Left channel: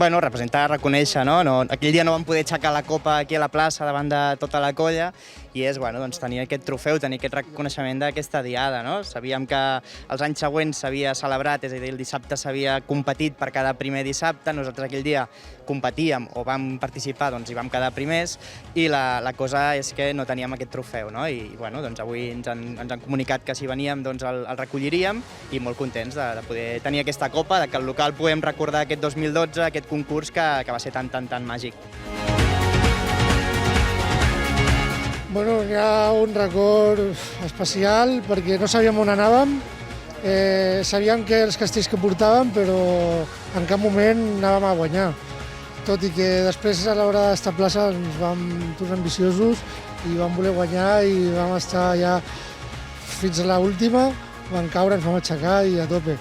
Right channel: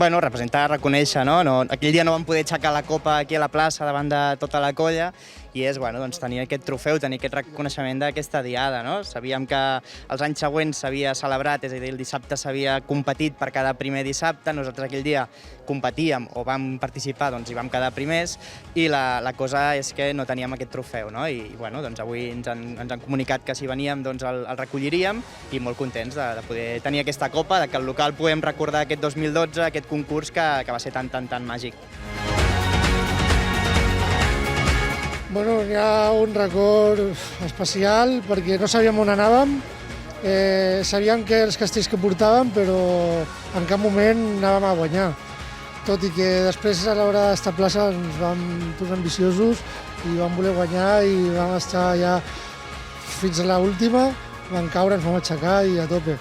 Bueno, representar, reconèixer, no? Aquell dia no vam poder aixecar la copa aquí a la plaça davant de tota la colla i és, bueno, doncs, tenir aquest trofeu, tenir aquest reconeixement d'aquesta diada, no? Sabíem que els anys següents s'havia celebrat, és a dir, el dissabte s'havia competit per cada primer dissabte, nosaltres aquell dia competíem o vam participar, doncs hi vam quedar primers i la cosa és que no teníem aquest trofeu, no? I, bueno, doncs avui ens han comunicat que si veníem doncs el recolliríem i molt contents de poder tenir aquesta copa, de que el local puguem recordar aquest 2012, aquest concurs que va ser tan màgic. Bueno, hi ha un record especial perquè no sabíem on anàvem, sabíem que els castells que portàvem, però en cap moment anàvem a guanyar. Tot i que després a l'hora d'estar a plaça ens vam tornar ambiciosos i vam voler guanyar i vam estar ja fins a l'última, vam caure, ens vam aixecar i a tope.